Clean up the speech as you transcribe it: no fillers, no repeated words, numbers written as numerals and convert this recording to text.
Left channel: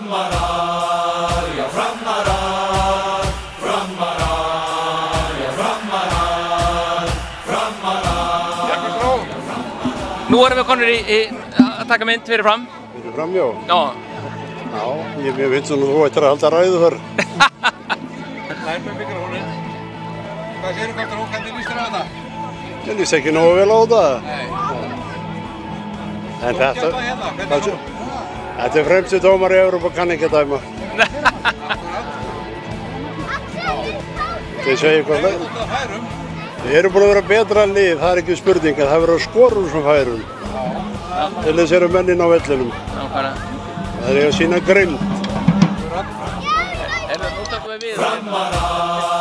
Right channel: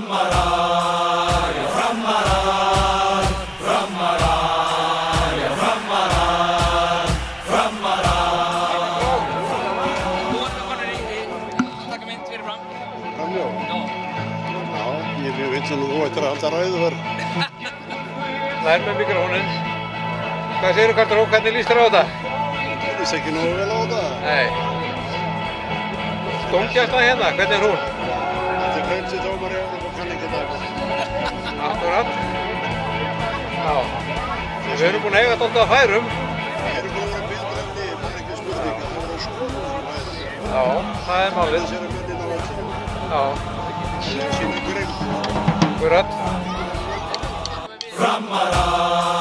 Framarar, já framarar, framarar, já framarar, framarar. Takk frá. Nú erum við konur í að taka mynd fyrir fram. Fyrir fram, já. Já. Já, ég finnst að þú ættir að halda ræðu þar. Lær með mikrofóninn. Hvað segirðu Karl Rók, hvernig líst þér á þetta? Ég líst ekki nógu vel á þetta. Nei. Dómgæslan hérna, hvernig er hún? Þetta er fremsti dómar í Evrópu, kann ekki dæma. Akkurat. Já. Við erum búin að eiga þetta að færum. Við erum búin að vera betra lið, það er ekki spurning, en það verður að skorum sem færum. Já, það er málið. Þess eru mennin á vellinum. Það er að sýna grimmd. Akkurat. Nú tökum við við. Framarar.